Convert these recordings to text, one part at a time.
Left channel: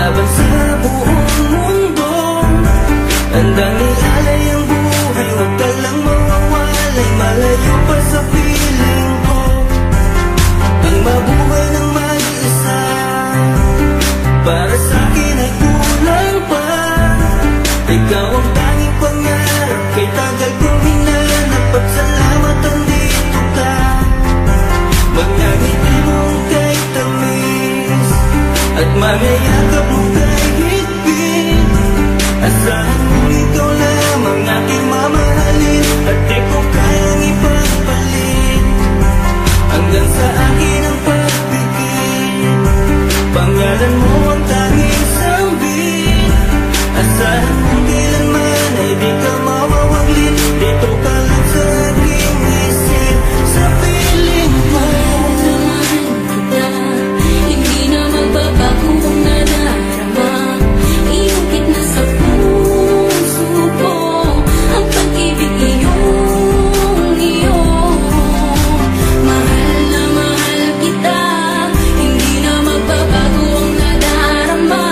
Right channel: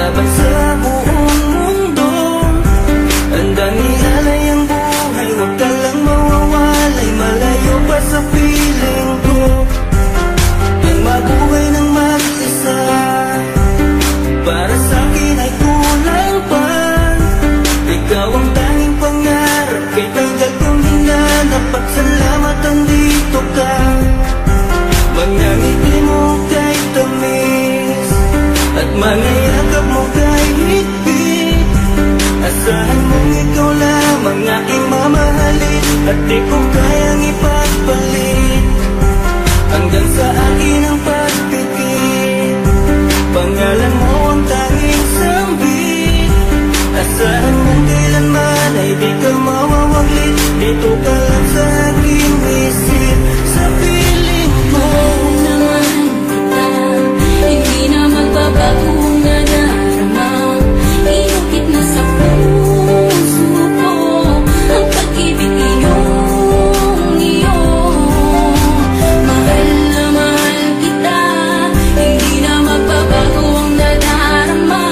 laban sa buong mundo. Handang ialay ang buhay, huwag ka lang mawawalay, malayo pa sa piling ko. Ang mabuhay ng mag-isa, para sa'kin ay kulang pa. Ikaw ang tanging pangarap, kay tagal kong hinanap, at salamat andito ka. Mga ngiti mo kay tamis, at mga yakap mo kay higpit. Asahan mong ikaw lamang aking mamahalin, at di ko kayang ipagpalit. Hanggang sa akin ang pagpikit, pangalan mo ang tanging sambit. Asahan mong kailanman ay di ka mawawaglit, dito ka lang sa aking isip, sa piling ko. Mahal kita, hindi na magbabago ang nadarama. Inukit na sa puso ko ang pag-ibig iyong iyo. Mahal na mahal kita, hindi na magbabago ang nadarama.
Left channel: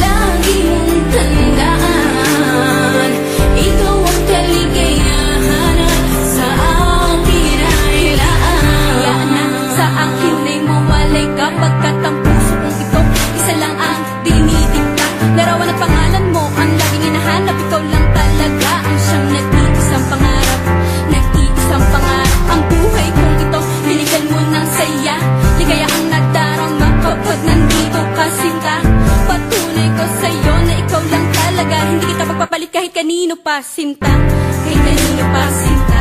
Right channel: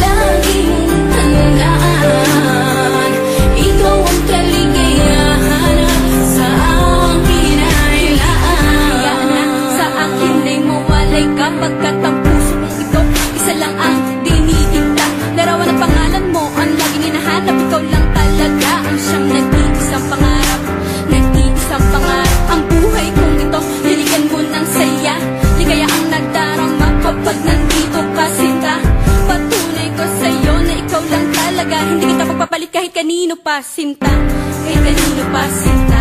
Lagi mong tandaan, ikaw ang kaligayahan sa akin ay laan. Sa akin ay mawalay kapagkat ang puso kong ito isa lang ang dinidikta. Larawan at pangalan mo ang laging hinahanap, ikaw lang talaga ang siyang nag-iisang pangarap. Nag-iisang pangarap ang buhay kong ito, binigyan mo ng saya. Ligaya ang nadarama kapag nandito ka, sinta. Patunay ko sa'yo na ikaw lang talaga, hindi kita pagpapalit kahit kanino pa, sinta. Kahit kanino pa, sinta.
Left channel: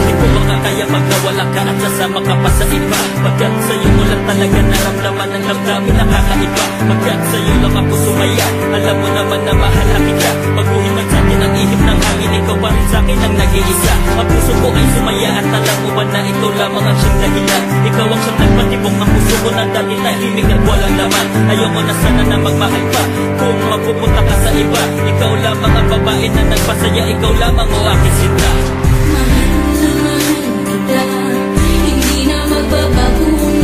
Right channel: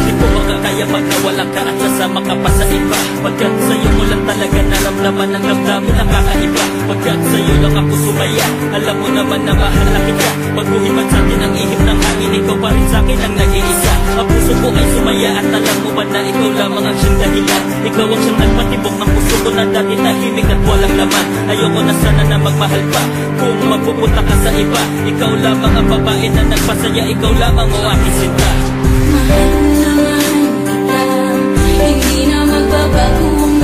Di ko makakaya pag nawala ka at sasama ka pa sa iba. Pagkat sa'yo ko lang talaga naramdaman ang damdamin nakakaiba. Pagkat sa'yo lang ako sumaya, alam mo naman na mahal na kita. Pagbuhin man sa'tin ang ihip ng hangin, ikaw pa rin sa'kin ang nag-iisa. Ang puso ko ay sumaya at alam mo ba na ikaw lamang ang siyang dahilan. Ikaw ang siyang nagpatibok ng puso ko na dati tahimik at walang laman. Ayoko na sana na magmahal pa kung mapupunta ka sa iba. Ikaw lamang ang babae na nagpasaya, ikaw lamang o aking sinta. Mahal na mahal kita, hindi na magbabago ang